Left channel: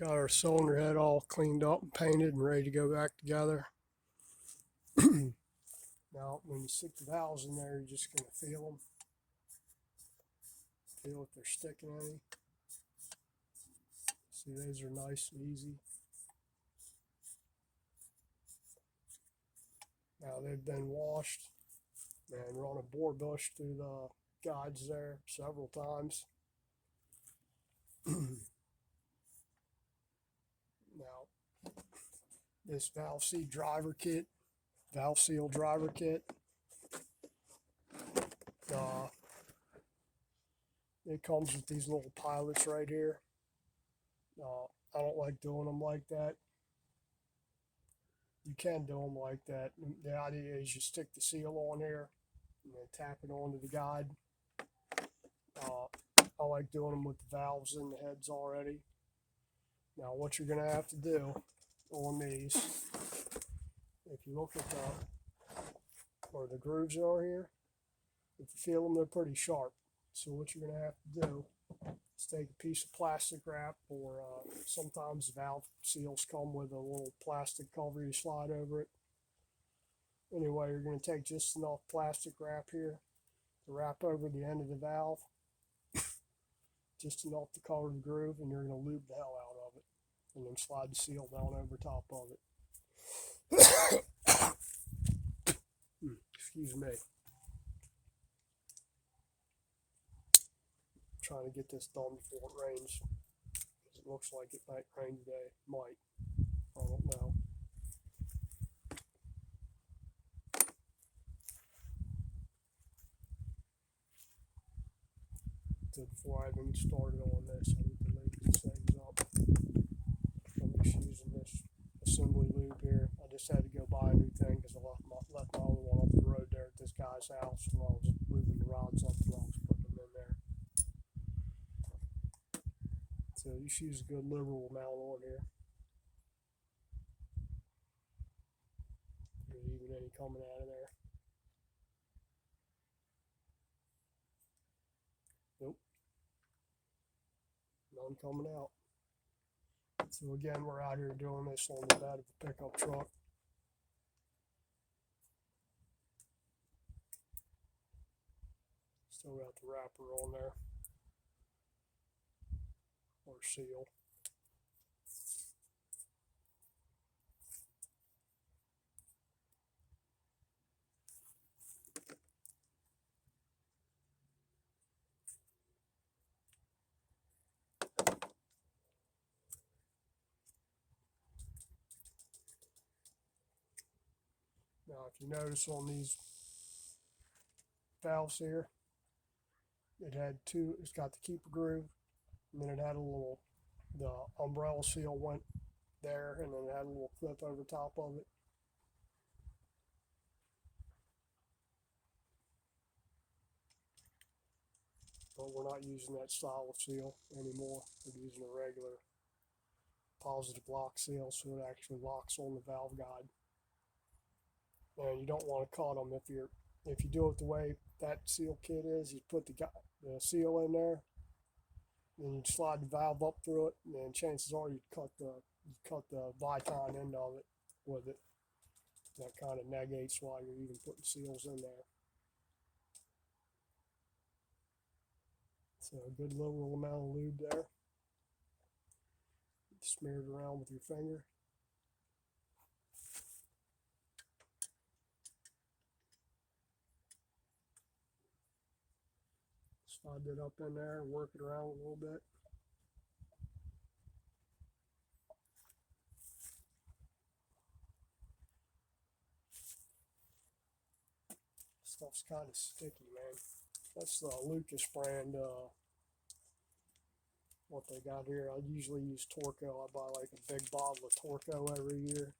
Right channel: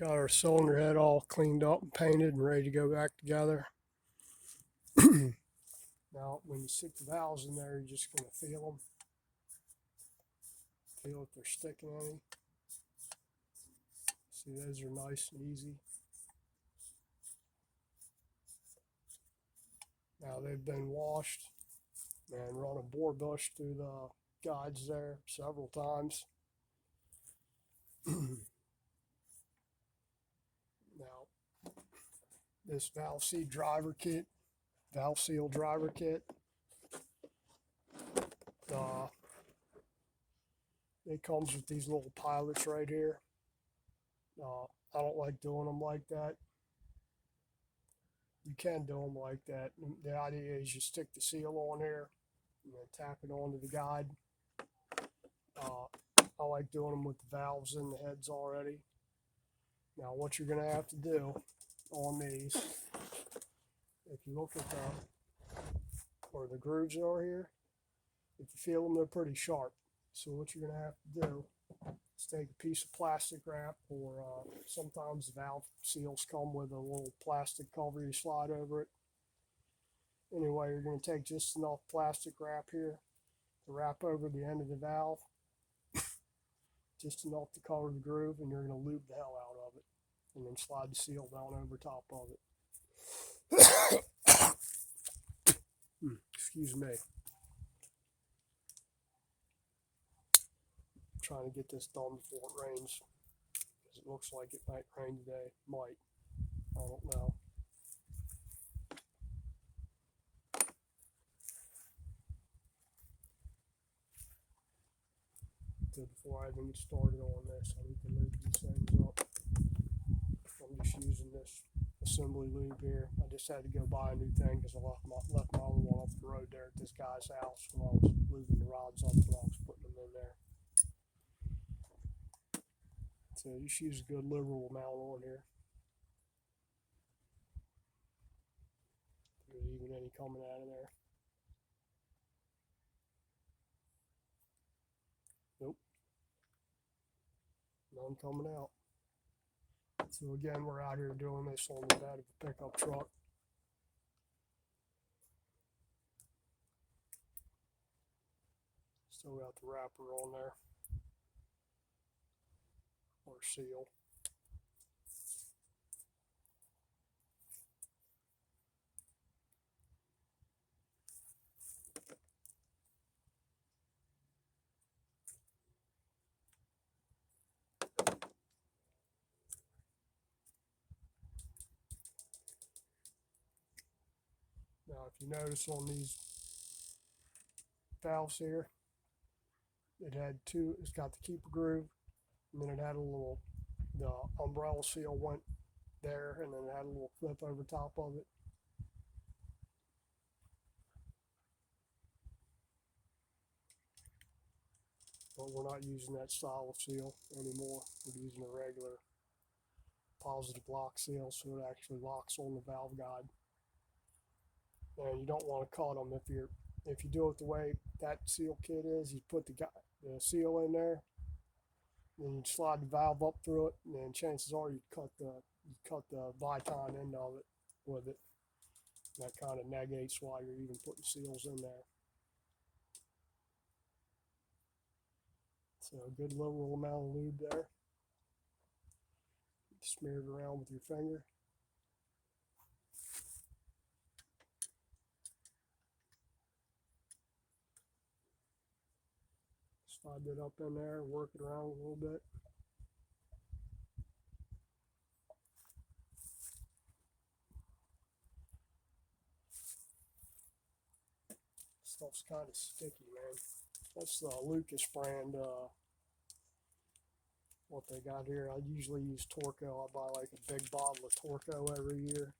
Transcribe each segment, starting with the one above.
Got our cylinder head all cleaned up and painted and ready to go back together. Now, when you stick the valves in there, you're just going to feel them. Feel if they're sticking any. See, those are nice and easy. Now they've been washed and run a bore bush through the guides there several times. Now, this valve seal driver kit, it comes with these little pilots right here. I don't like doing them like that. You can do them like that. The idea is you stick the seal on here and then tap it onto the guide. I like doing them with the valves in the heads already. Now what you're going to have to do on these, if you look at where the grooves are here, if you feel them, they're pretty sharp. So what you're going to have to do is take a piece of plastic wrap, or sometimes valve seals come with a little plastic cover you slide over it. Anyway, you're going to take just enough plastic wrap here to wrap over the end of the valve, just enough to cover the groove, and you're going to lube the hell out of it, and then slide the seal down over top of it. Excuse me. Trying to get this done before it rains, because it looks like it might rain today. Might. I don't know. So before I even get started on this, I need to lube these things up. I'm just using this assembly lube here. I just had to go buy a new thing because I left my other one off the road there at this guy's house when I was lubing the rods up and I was putting them in there. So you should use a good liberal amount on here. There's even any coming out of there. Nope. None coming out. So again, we're out here doing this on the bed of a pickup truck. Still got the wrapper on there, or seal. Now, if you notice on these valves here, it had two, it's got the keeper groove, and then it had a little, the umbrella seal went there, and then it had a little clip over top of it. But we're not using that style of seal anymore. We're using a regular positive lock seal, so it actually locks on the valve guide. And you don't want to cut them. If you do it the way that seal kit is, you put the seal in there, and you slide the valve up through it, and then chances are you cut the Viton end of it with it. That kind of negates why you're even putting seals in there. So a good little amount of lube there. Smear it around with your finger. Slide that up in there and work it around a little bit. Stuff's kind of sticky, man. That's the Lucas brand, what they got here. I usually use Torco. I buy like a big bottle of Torco every year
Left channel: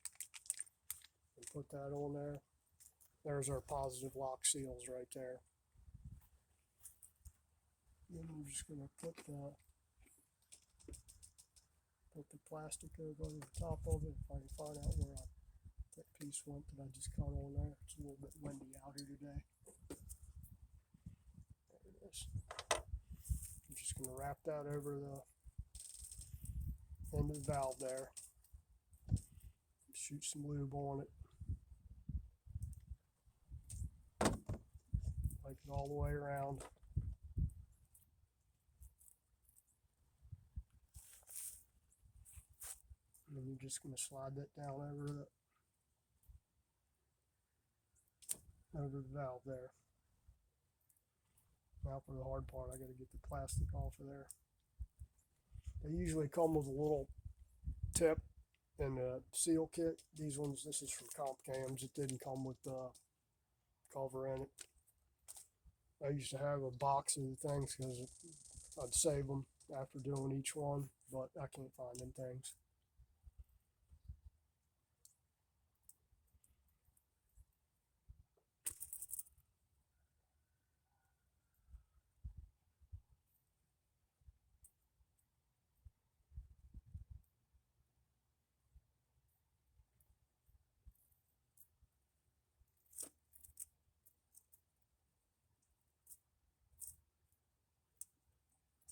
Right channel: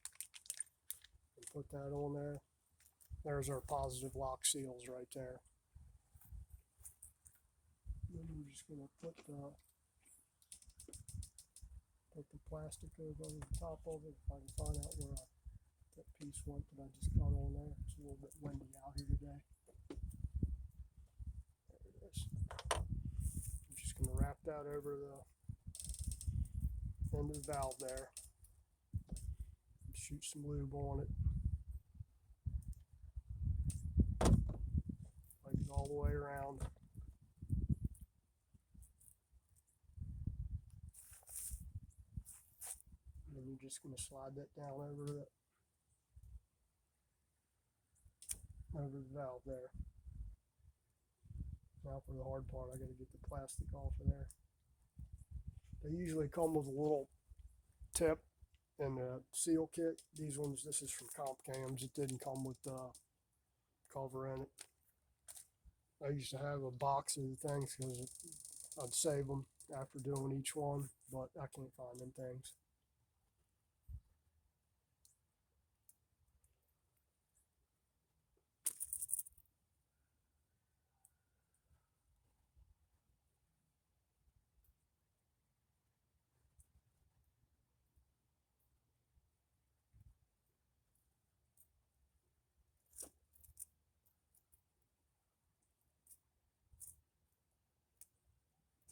and put that on there. There's our positive lock seals right there. Then I'm just going to put the plastic over the top of it, if I can find out where that piece went that I just cut on there. It's a little bit windy out here today. There it is. I'm just going to wrap that over end of the valve there. Shoot some lube on it. Like it all the way around. And then you're just going to slide that down over the valve there. Now for the hard part, I got to get the plastic off of there. They usually come with a little tip in the seal kit. These ones, this is from Comp Cams. It didn't come with the cover in it. I used to have a box of the things because I'd save them after doing each one, but I can't find them things.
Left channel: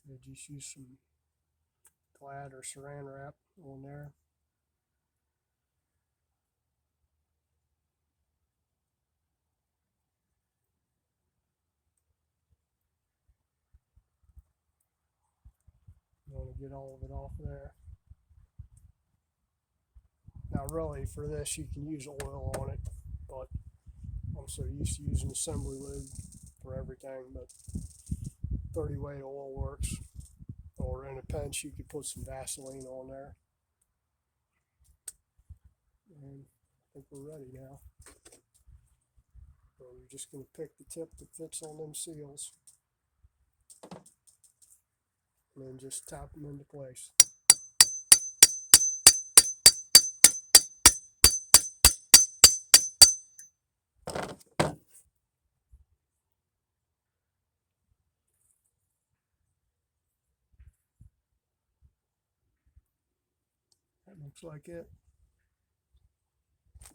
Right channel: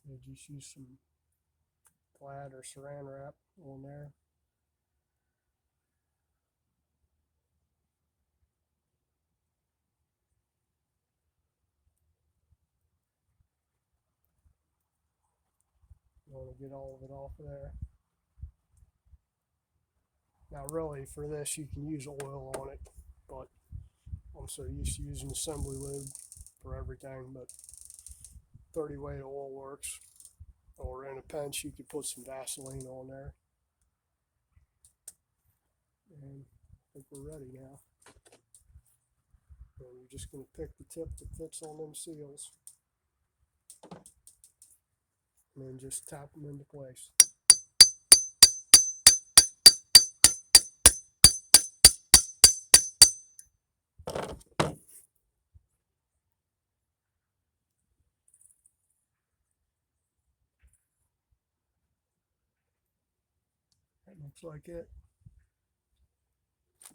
So just use some Glad or Saran wrap on there. You want to get all of it off of there. Now really for this you can use oil on it, but I'm so used to using assembly lube for everything, but 30 weight oil works. Or in a pinch you could put some Vaseline on there. And I think we're ready now. And you're just going to pick the tip that fits on them seals. And then just tap them into place. That looks like it.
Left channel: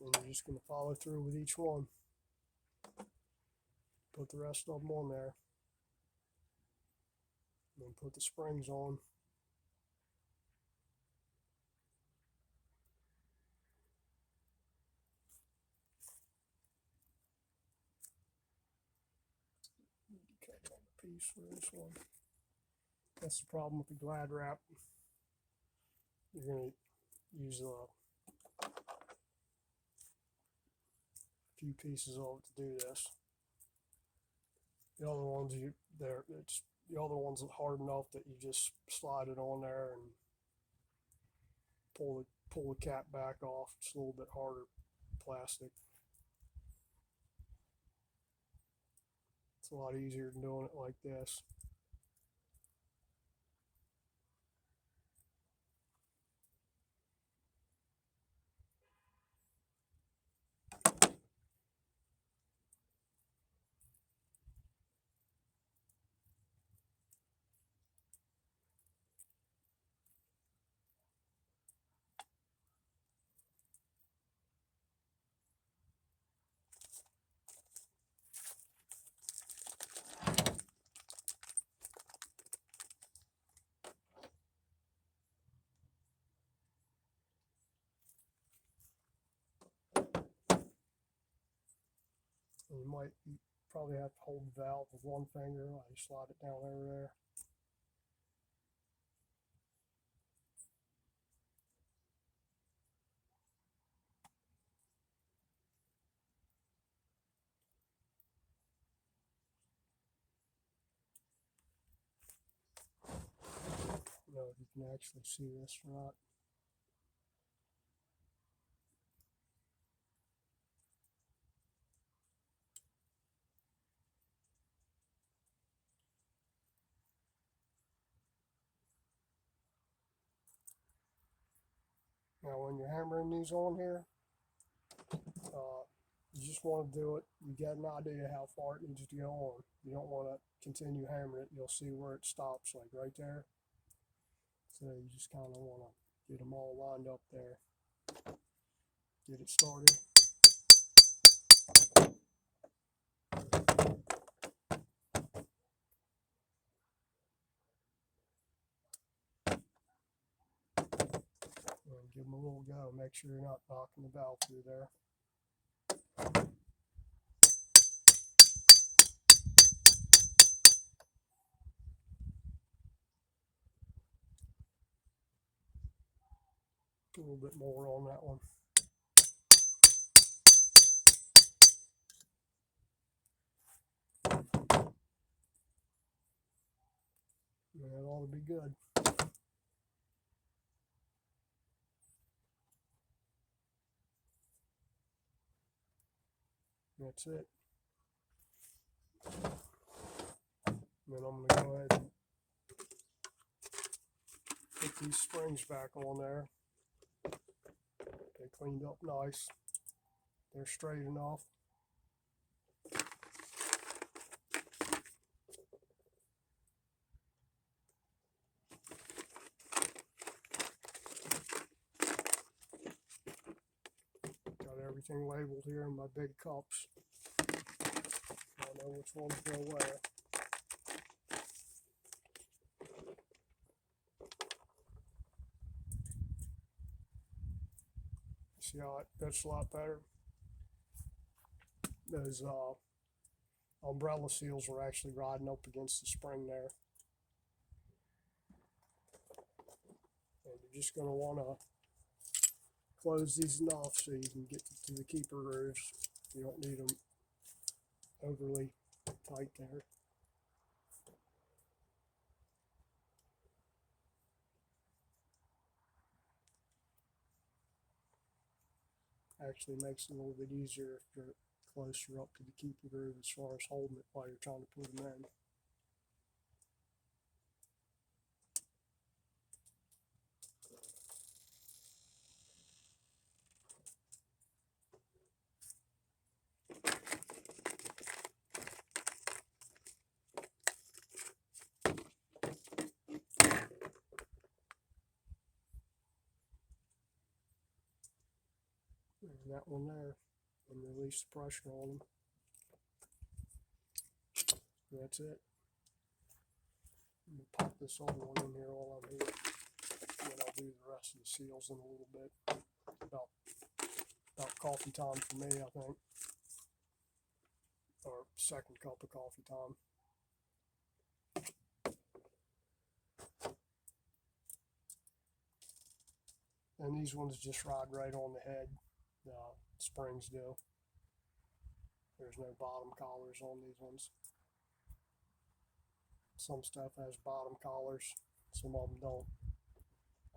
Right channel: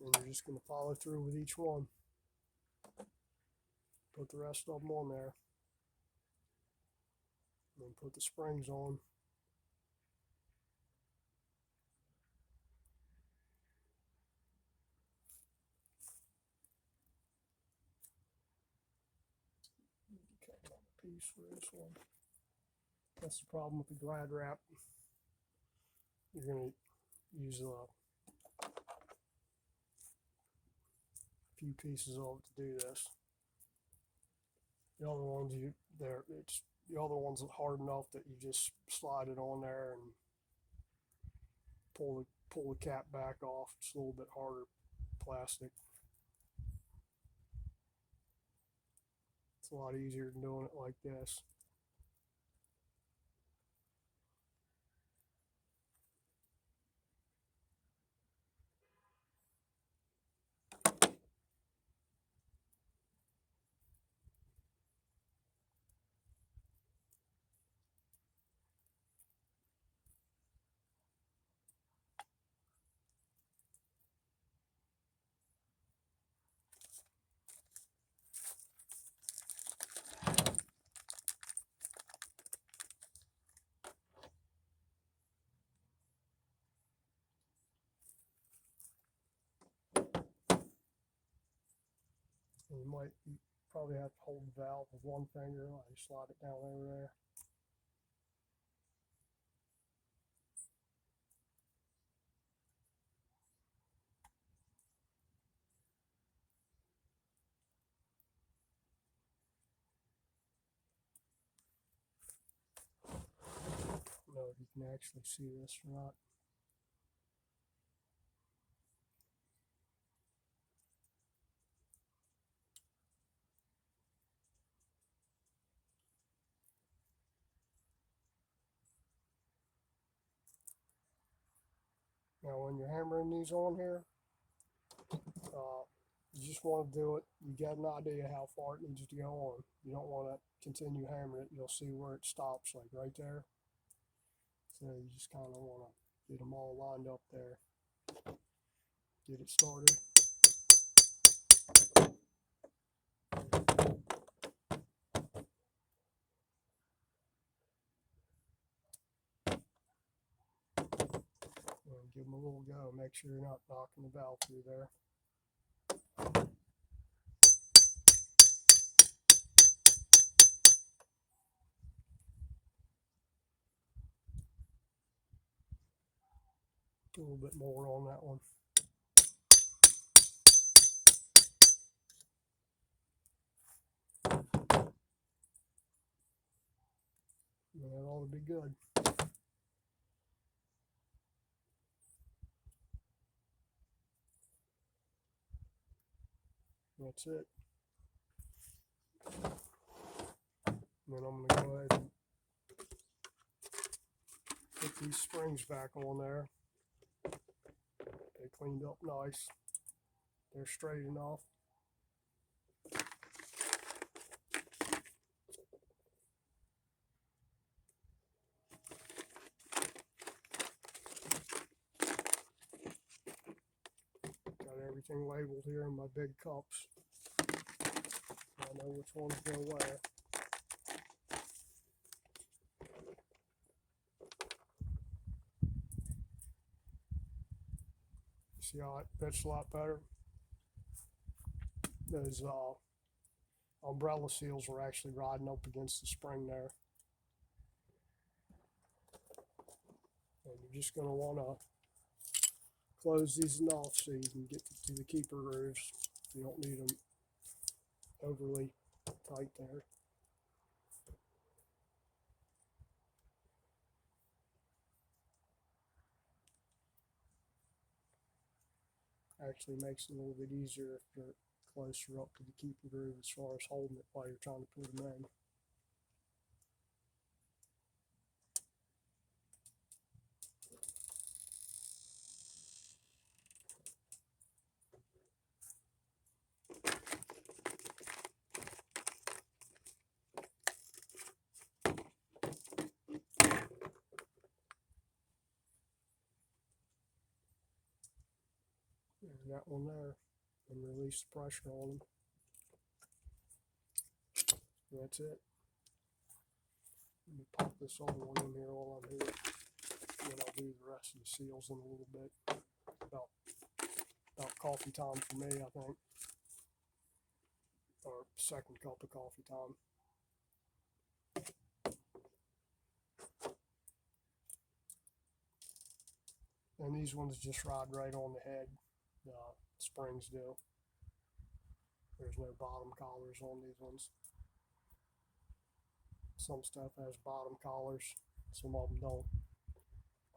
And you're just going to follow through with each one. Put the rest of them on there. And then put the springs on. Cut another piece for this one. That's the problem with the Glad wrap. You're going to use a few pieces of it to do this. The other ones the other ones are hard enough that you just slide it on there and pull the cap back off. It's a little bit harder plastic. It's a lot easier than doing it like this. And you probably have to hold the valve with one finger. I just slide it down over there. I don't know if you can actually see this or not. Now when you're hammering these on here, you just want to do it. You get an idea how far it needs to go on. You don't want to continue hammering it. You'll see where it stops, like right there. So you just kind of want to get them all lined up there. Get it started. little go. Make sure you're not knocking the valve through there. A little bit more on that one. And that ought to be good. That's it. And then I'm going to go ahead and put these springs back on there. They cleaned up nice. They're straight enough. Got everything labeled here in my big cups. I know which ones go where. See how it fits a lot better? Those umbrella seals were actually riding up against the spring there. And you're just going to want to close these enough so you can get to the keeper grooves. You don't need them overly tight there. Actually makes it a little bit easier if you're closer up to the keeper groove as far as holding it while you're trying to put them in. And that one there, and release the pressure on them. And that's it. Let me pop this other one in here while I'm here. And then I'll do the rest of the seals in a little bit. About coffee time for me, I think. Or second cup of coffee time. And these ones just ride right on the head. Springs do. There's no bottom collars on these ones. Some stuff has bottom collars, some of them don't.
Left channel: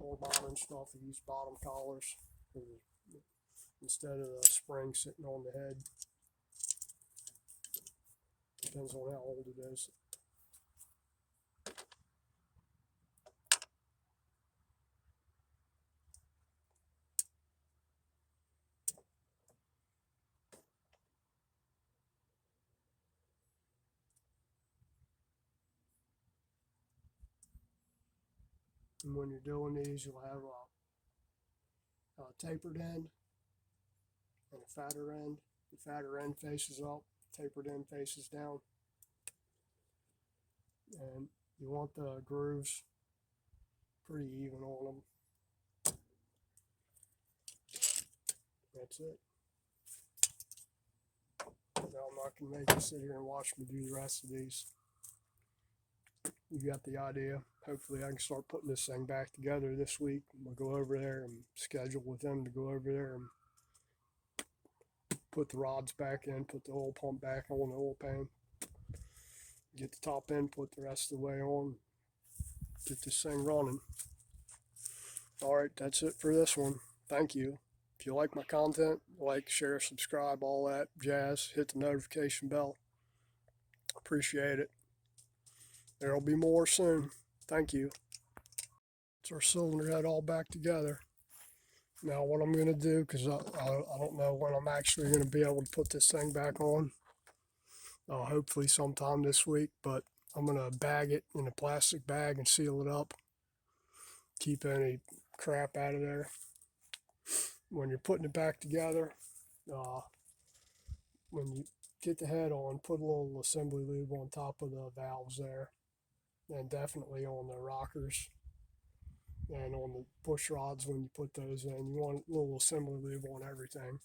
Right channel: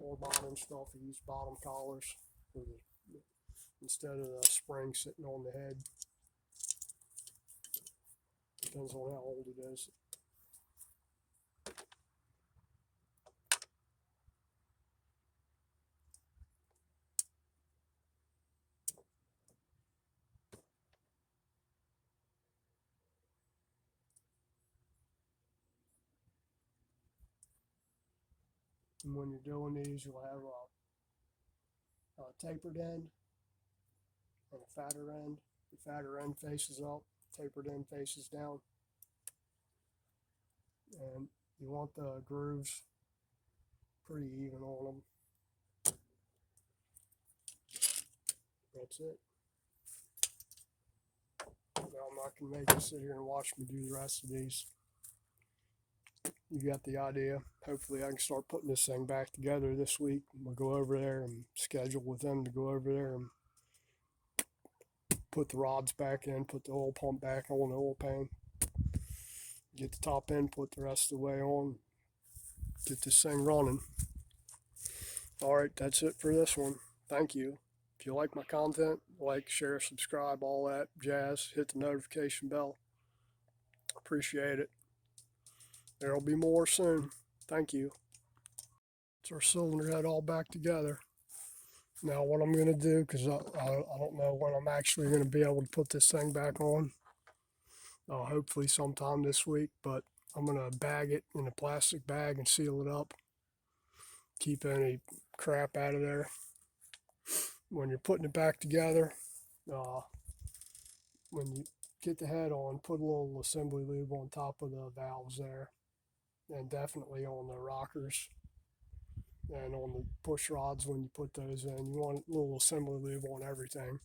More modern stuff use bottom collars instead of the spring sitting on the head. Depends on how old it is. And when you're doing these, you'll have a tapered end and a fatter end. The fatter end faces up, tapered end faces down. And you want the grooves pretty even on them. That's it. Now I'm not going to make you sit here and watch me do the rest of these. You got the idea. Hopefully I can start putting this thing back together this week. We'll go over there and schedule with them to go over there and put the rods back in, put the oil pump back on the oil pan, get the top end, put the rest of the way on, get this thing running. Alright, that's it for this one. Thank you. If you like my content, like, share, subscribe, all that jazz. Hit the notification bell. Appreciate it. There'll be more soon. Thank you. It's our cylinder head all back together. Now what I'm going to do, because I don't know when I'm actually going to be able to put this thing back on. Hopefully sometime this week, but I'm going to bag it in a plastic bag and seal it up. Keep any crap out of there. When you're putting it back together, when you get the head on, put a little assembly lube on top of the valves there, and definitely on the rockers. And on the push rods, when you put those in, you want a little assembly lube on everything,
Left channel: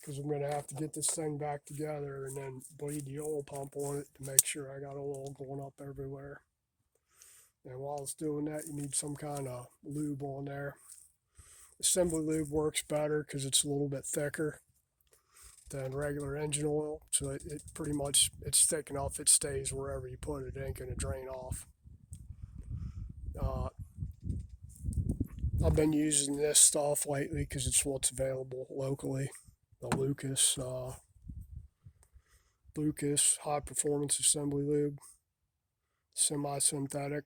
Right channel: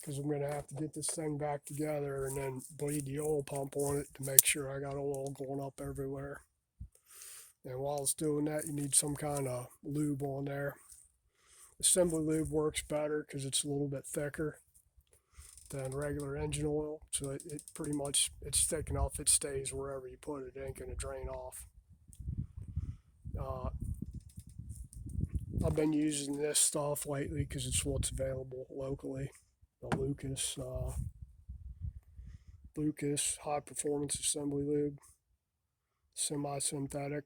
because I'm going to have to get this thing back together and then bleed the oil pump on it to make sure I got oil going up everywhere. And while it's doing that, you need some kind of lube on there. Assembly lube works better because it's a little bit thicker than regular engine oil, so it pretty much, it's thick enough it stays wherever you put it. It ain't going to drain off. I've been using this stuff lately because it's what's available locally. The Lucas High Performance Assembly Lube, semi-synthetic.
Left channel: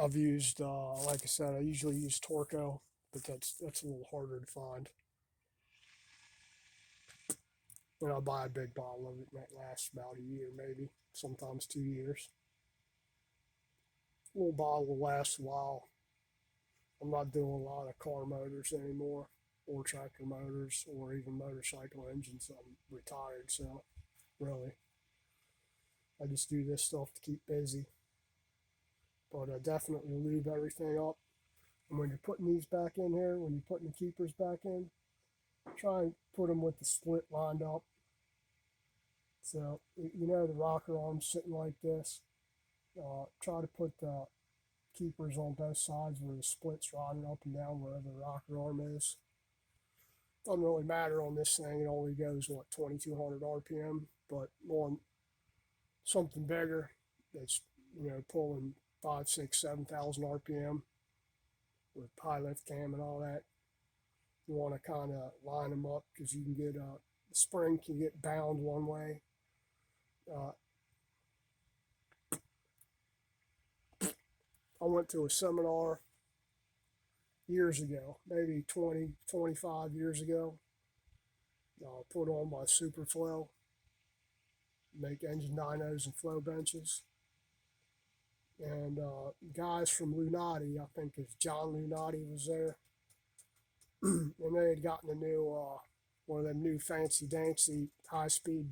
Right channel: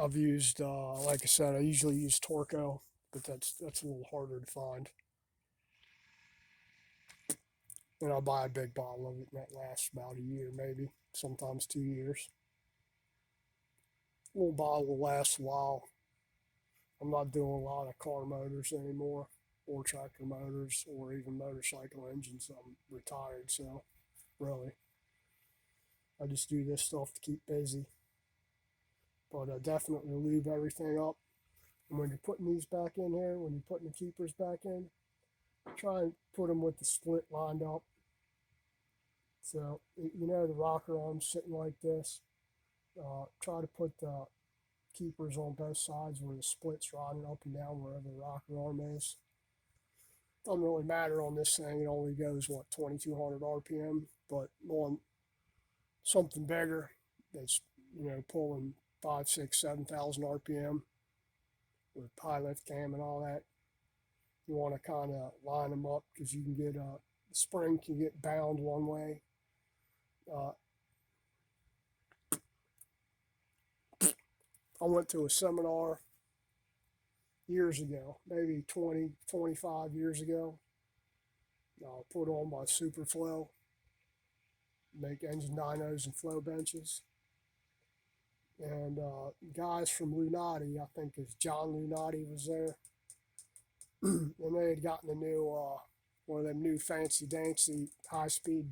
I've used, like I said, I usually use Torco, but that's a little harder to find. And I'll buy a big bottle of it, and that lasts about a year, maybe, sometimes 2 years. A little bottle will last a while. I'm not doing a lot of car motors anymore, or tractor motors, or even motorcycle engines. I'm retired, so really, I just do this stuff to keep busy. But definitely lube everything up. And when you're putting these back in here, when you're putting the keepers back in, try and put them with the split lined up. So, you know, the rocker arm's sitting like this. Try to put the keepers on both sides where the split's riding up and down wherever the rocker arm is. Doesn't really matter on this thing. It only goes, what, 2200 RPM. But on something bigger that's, you know, pulling 5, 6, 7,000 RPM with high lift cam and all that, you want to kind of line them up, because you can get the spring can get bound one way. I went to a seminar years ago, maybe 20, 25 years ago. Put on my Superflow, make engine dynos and flow benches. And guys from Lunati, I think it's John Lunati, was there. And they had gotten a new, one of them new fancy dancy high-speed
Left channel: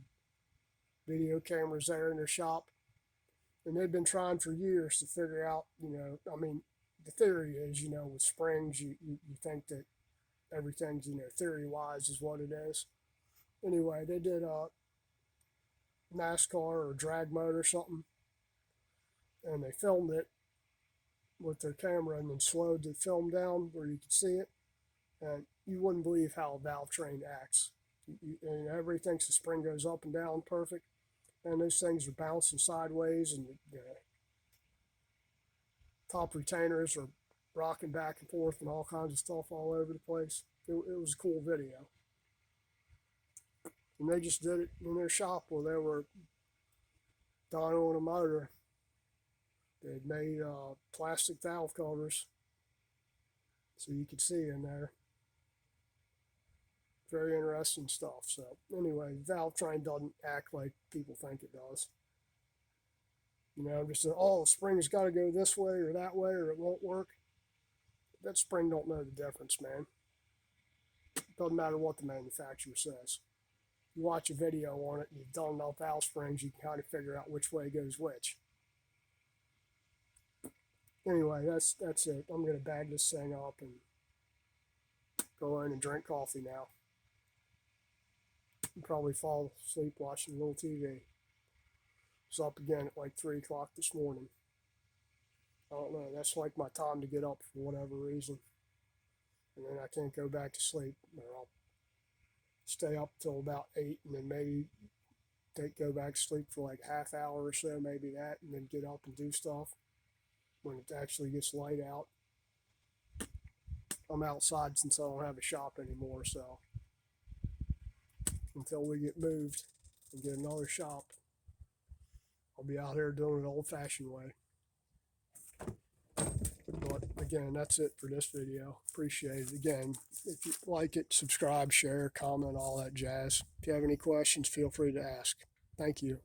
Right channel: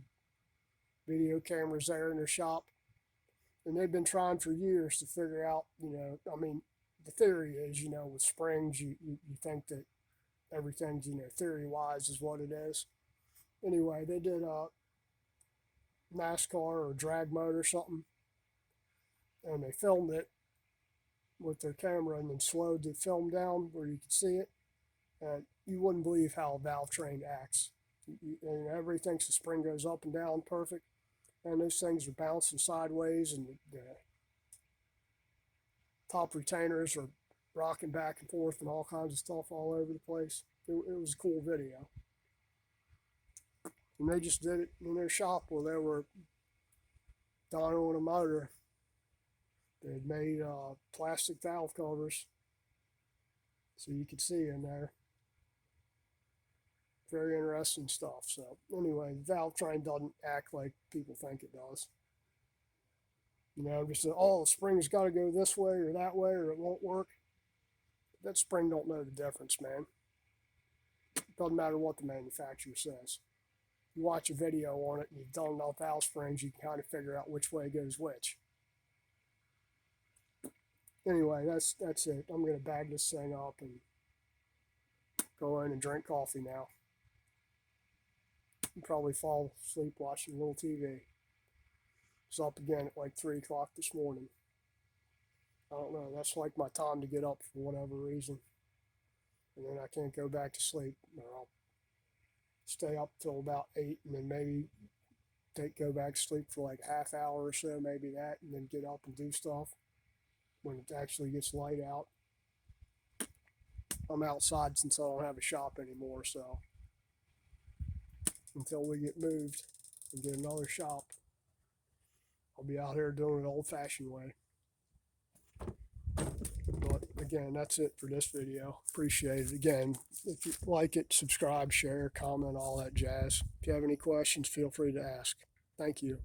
video cameras there in their shop. And they've been trying for years to figure out, you know, I mean, the theory is, you know, with springs, you think that everything's, you know, theory-wise is what it is. Anyway, they did a NASCAR or drag mode or something, and they filmed it with their camera and then slowed the film down where you could see it, and you wouldn't believe how a valve train acts. And everybody thinks the spring goes up and down perfect, and those things are bouncing sideways, and the top retainers are rocking back and forth and all kinds of stuff all over the place. It was a cool video. And they just did it in their shop where they were dynoing a motor. They'd made plastic valve covers so you could see in there. Very interesting stuff. So anyway, the valve train doesn't act like people think it does. You know, just oh, the spring's got to go this way or that way or it won't work. That spring don't know the difference, man. Doesn't matter what the manufacturer says. You watch a video on it and you've done enough valve springs, you can kind of figure out which way goes which. Anyway, that's it. I'm going to bag this thing up and go in and drink coffee now. And probably fall asleep watching a little TV. It's up again at like 3 o'clock this morning. I don't know. That's like my time to get up for whatever reason. And then I can't go back to sleep. Or I'll stay up till about 8 and then maybe go back to sleep for like half hour or so, maybe that, and then get up and do stuff when it actually gets light out. I'm outside since I don't have a shop anymore, so until we get moved and get another shop, I'll be out here doing it the old-fashioned way. But again, that's it for this video. Appreciate it. Again, if you like it, subscribe, share, comment, all that jazz. If you have any questions, feel free to ask. Thank you.